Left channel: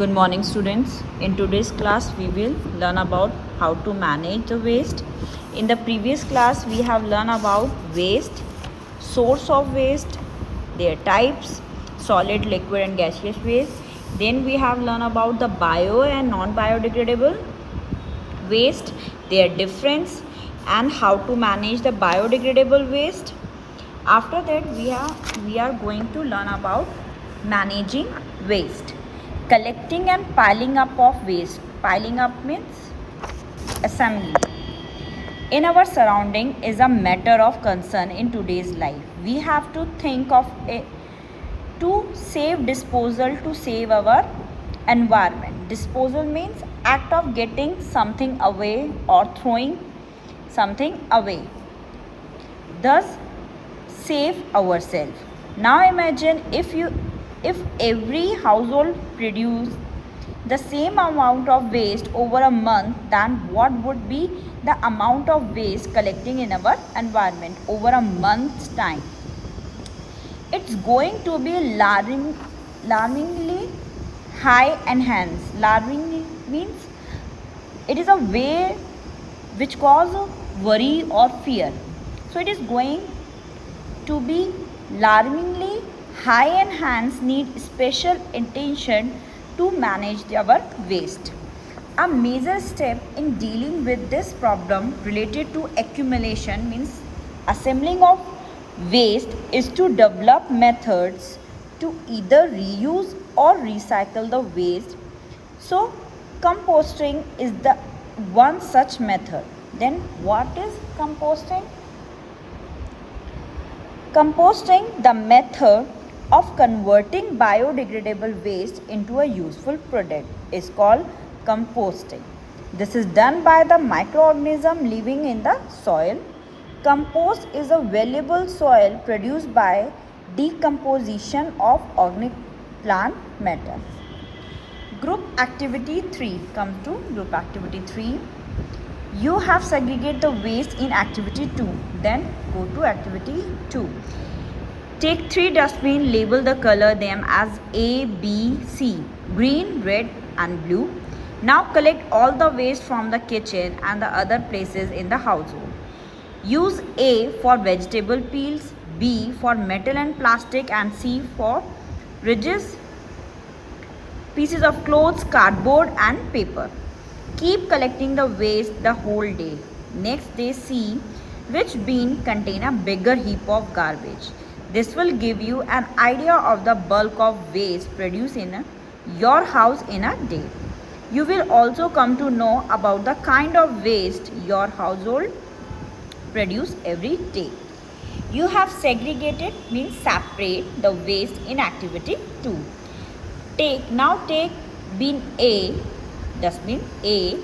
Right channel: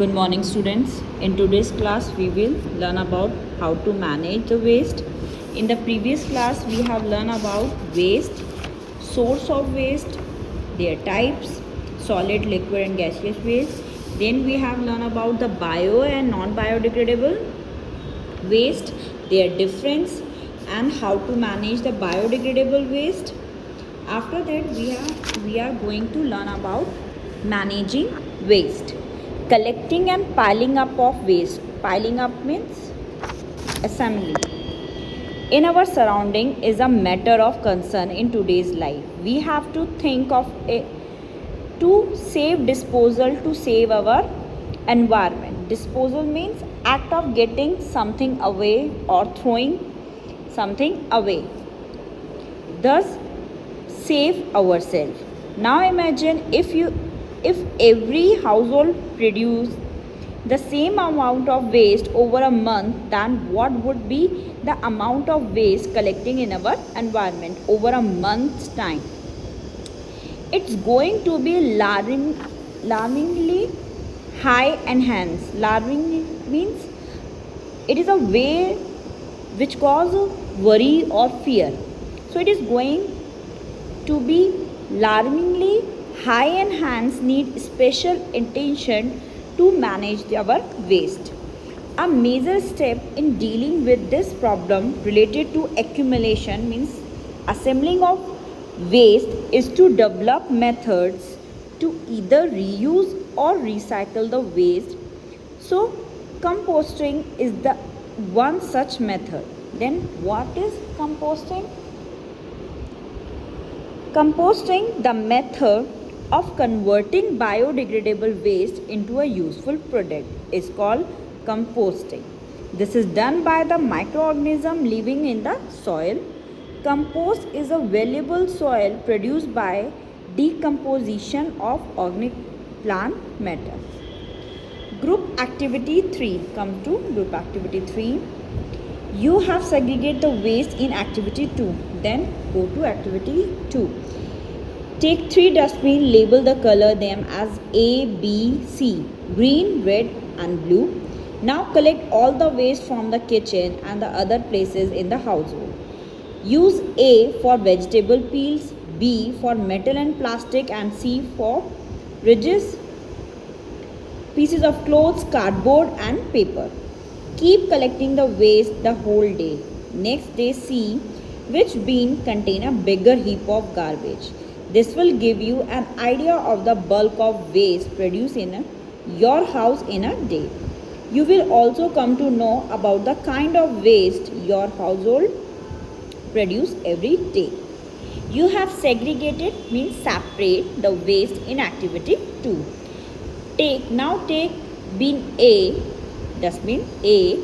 Good morning, students. In today's class, we will learn about how to manage the waste. In the previous class, we have learned about waste, source of waste, their types, solid, liquid and gaseous waste. Then we have learned about the bio and non-biodegradable waste, their difference and how to manage the biodegradable waste. After that, we are going to learn about managing waste, collecting and piling up of waste. Piling up means assembly. In our surrounding is a matter of concern in today's life. We have to think of a to save disposal to save our environment. Disposal means act of getting something away or throwing something away. Thus save ourselves. Now imagine if every household produced the same amount of waste over a month, then what would be the amount of waste collecting in our environment over a month's time? It's going to be alarmingly high and hence. Alarming means it is a way which causes worry or fear. So it is going to be alarmingly high and hence need special attention to manage our waste. A major step in dealing with this problem related to accumulation means assembling of waste is to develop methods to either reuse or recycle the waste. So composting is the one such method. Then what is composting? Composting, the method of converting biodegradable waste into a useful product, is called composting. This is done by the microorganism living in the soil. Compost is a valuable soil produced by decomposition of organic plant matter. Group activity 3. Come to group activity 3. You have segregated the waste in activity 2. Then go to activity 2. Take 3 dustbins, label the color them as A, B, C, green, red and blue. Now collect all the waste from the kitchen and the other places in the household. Use A for vegetable peels, B for metal and plastic and C for ridges, pieces of clothes, cardboard and paper. Keep collecting the waste the whole day. Next day see which bin contain a bigger heap of garbage. This will give you an idea of the bulk of waste produced in your house in a day. You will also come to know about the kind of waste your household produce every day. You have segregated means separate the waste in activity 2. Take bin A, dustbin A,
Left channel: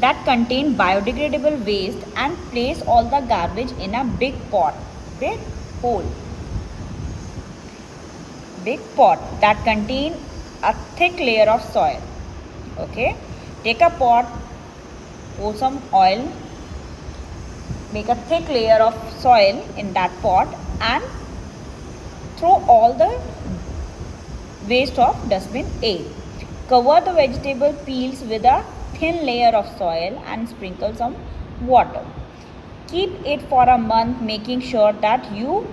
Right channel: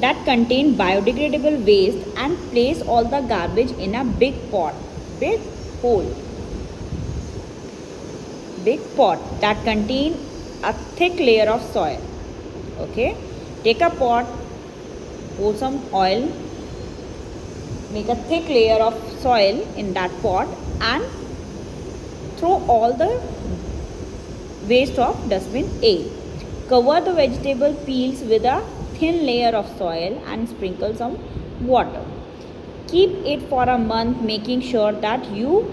that contain biodegradable waste and place all the garbage in a big pot that contain a thick layer of soil. Okay, take a pot, pour some oil, make a thick layer of soil in that pot and throw all the waste of dustbin A. Cover the vegetable peels with a thin layer of soil and sprinkle some water. Keep it for a month, making sure that you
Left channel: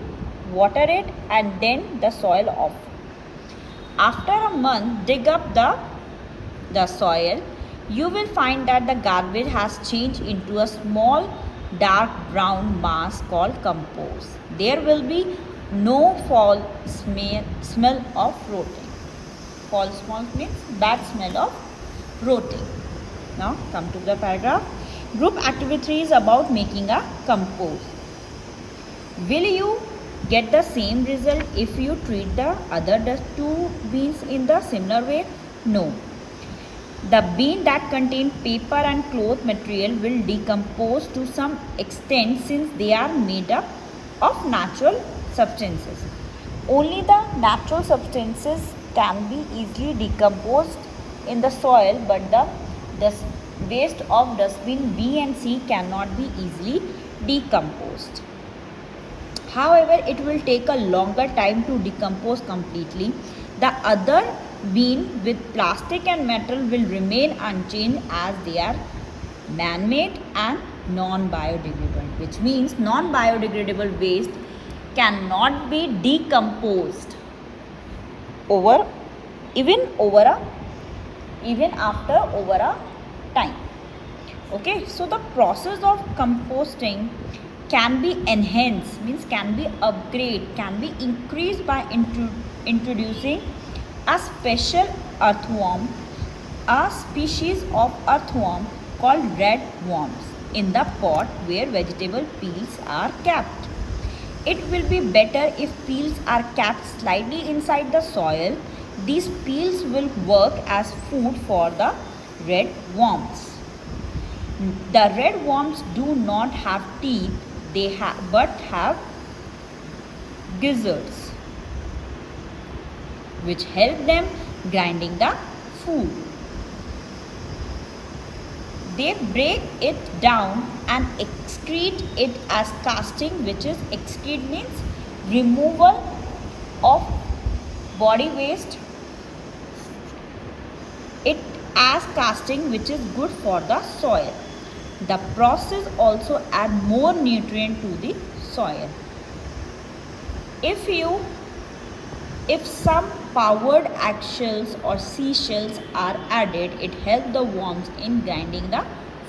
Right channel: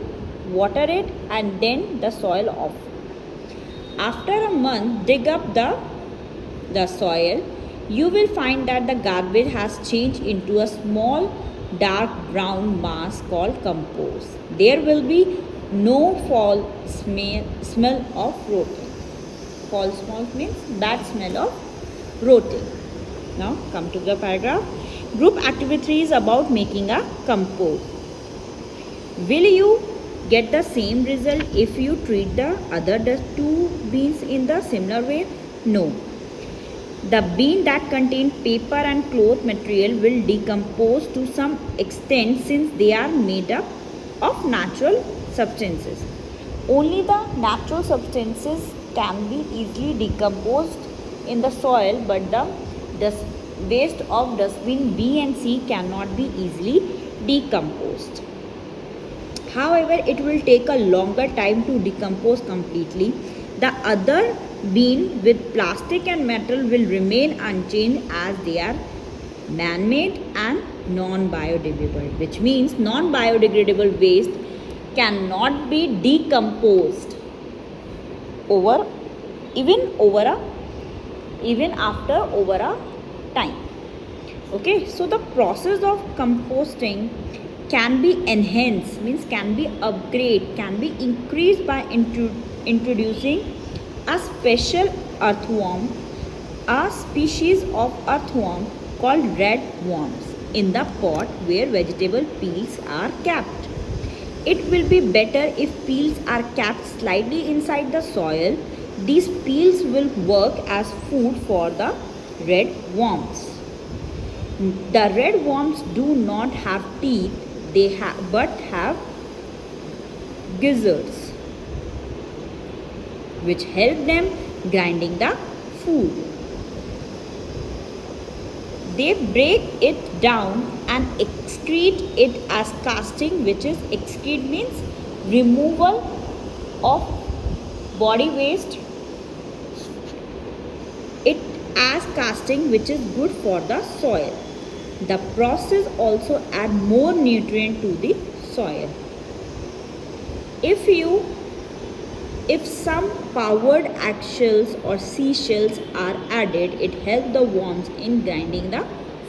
water it and then the soil off. After a month, dig up the soil. You will find that the garbage has changed into a small dark brown mass called compost. There will be no foul smell of rotting. Foul smell means bad smell of rotting. Now come to the paragraph. Group activity 3 is about making a compost. Will you get the same result if you treat the other 2 bins in the similar way? No. The bin that contain paper and cloth material will decompose to some extent since they are made up of natural substances. Only the natural substances can be easily decomposed in the soil, but the waste of dustbin B and C cannot be easily decomposed. However, it will take a longer time to decompose completely. The other bin with plastic and metal will remain unchanged as they are man-made and non-biodegradable, which means non-biodegradable waste cannot be decomposed over even after over a time. Okay, so the process of composting can be enhanced, means can be upgraded, can be increased by introducing a special earthworm, a species of earthworm called red worms in the pot where vegetable peels are kept. It will be better if peels are kept slightly inside the soil. These peels will work as food for the red worms. The red worms do not have teeth, but have gizzards, which help them grinding the food. They break it down and excrete it as casting, which is excrete means removal of body waste. It as casting, which is good for the soil. The process also add more nutrient to the soil. If some powdered eggshells or seashells are added, it helps the worms in grinding the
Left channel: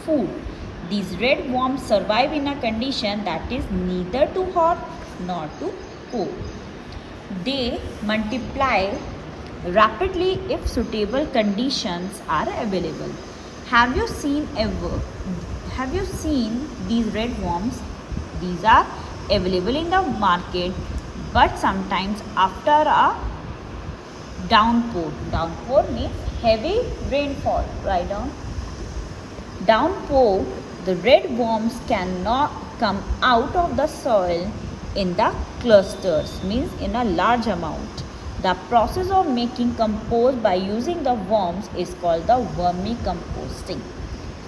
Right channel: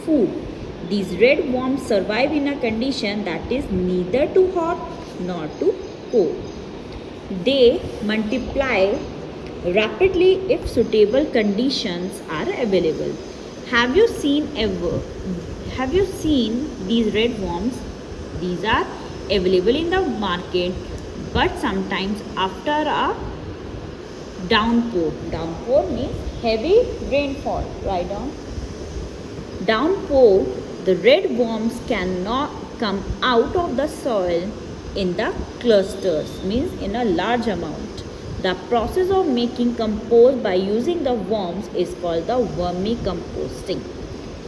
food. These red worms survive in a condition that is neither too hot nor too cold. They multiply rapidly if suitable conditions are available. Have you seen these red worms? These are available in the market, but sometimes after a downpour means heavy rainfall, right down. Downpour, the red worms cannot come out of the soil in the clusters, means in a large amount. The process of making compost by using the worms is called the vermicomposting.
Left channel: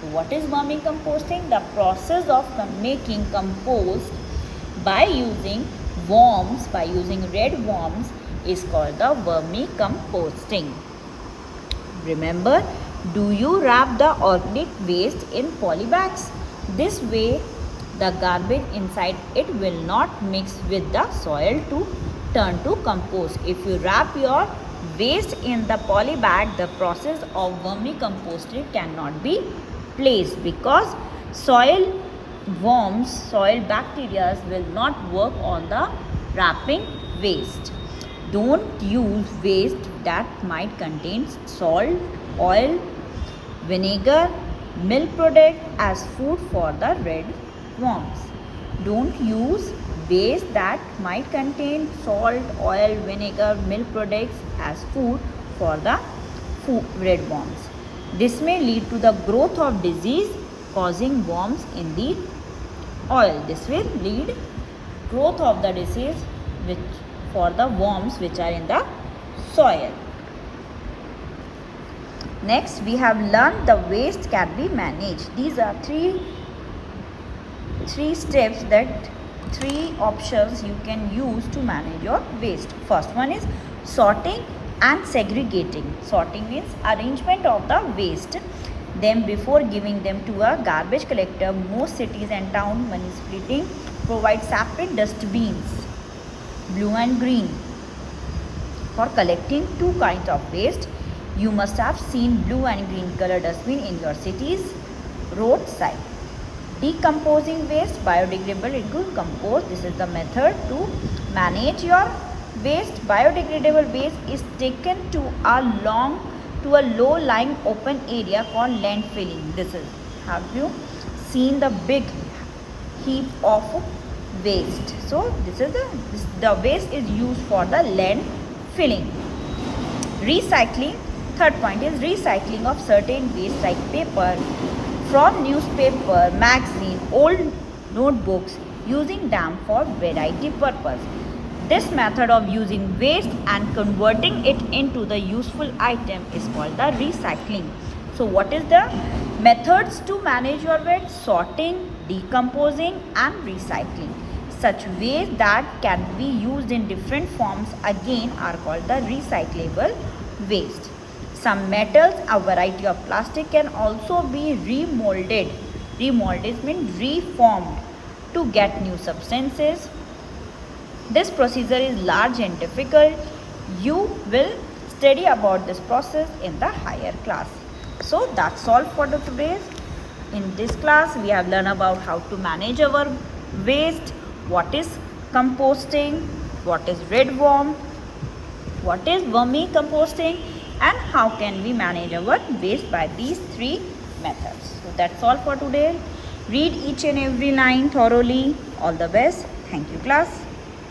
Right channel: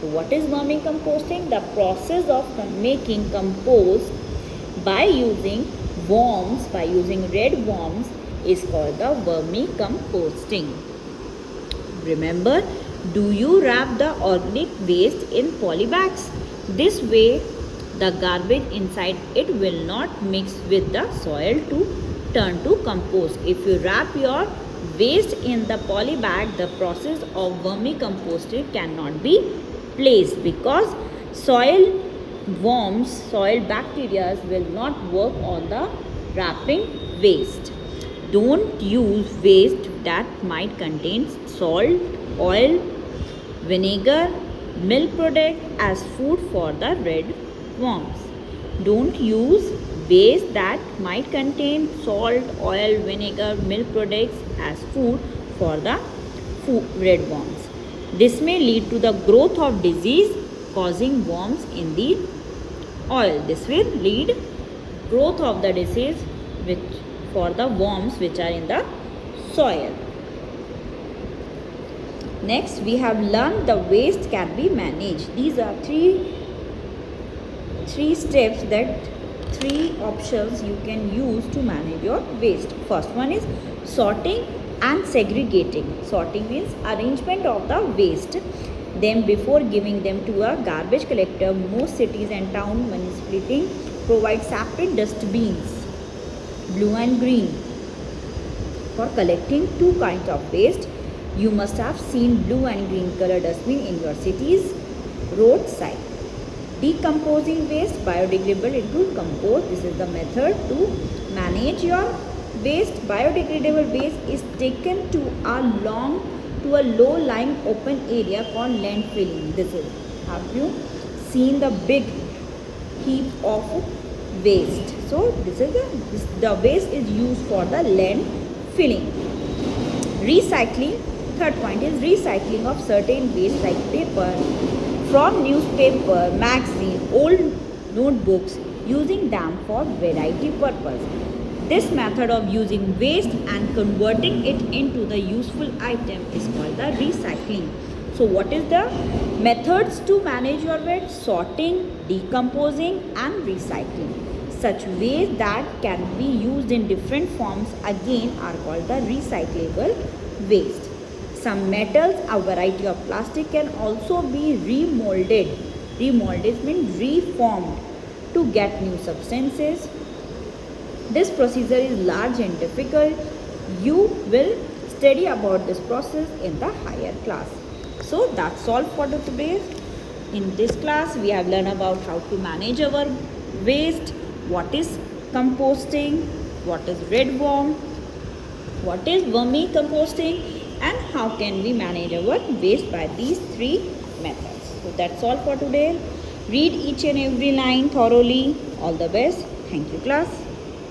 So what is vermicomposting? The process of making compost by using worms, by using red worms, is called the vermicomposting. Remember, do you wrap the organic waste in polybags? This way, the garbage inside it will not mix with the soil to turn to compost. If you wrap your waste in the polybag, the process of vermicomposting cannot be placed because soil worms, soil bacteria will not work on the wrapping waste. Don't use waste that might contain salt, oil, vinegar, milk product as food for the red worms. Don't use waste that might contain salt, oil, vinegar, milk products as food for the red worms. This may lead to the growth of disease causing worms in the oil. This will lead growth of the disease for the worms which are in the soil. Next, we have learned the waste can be managed. These are three steps, that three options you can use to manage your waste. First one is sorting and segregating. Sorting means arrangement of the waste. Then before giving them to a garbage collector, most cities and towns municipalities provide separate dustbins, blue and green, for collecting two kinds of waste. You must have seen blue and green color dustbin in your city's roadside. Decomposing waste, biodegradable into compost. This is the method to manage your waste. Biodegradable waste is taken to a low-lying open area called landfilling. This is, have you seen the big heap of waste? So this is the waste is used for the landfilling. Recycling. Third point is recycling of certain waste like paper from newspaper, magazine, old notebooks, using them for variety purpose. This method of using waste and converting it into the useful item is called the recycling. So what is the methods to manage your waste? Sorting, decomposing and recycling. Such waste that can be used in different forms again are called the recyclable waste. Some metals, a variety of plastic can also be remolded. Remolded means reformed to get new substances. This procedure is large and difficult. You will study about this process in the higher class. So that's all for the today. In this class, we have learned about how to manage our waste, what is composting, what is red worm, what is vermicomposting, and how can we manage our waste by these three methods. So that's all for today. Read each and every line thoroughly. All the best. Thank you, class.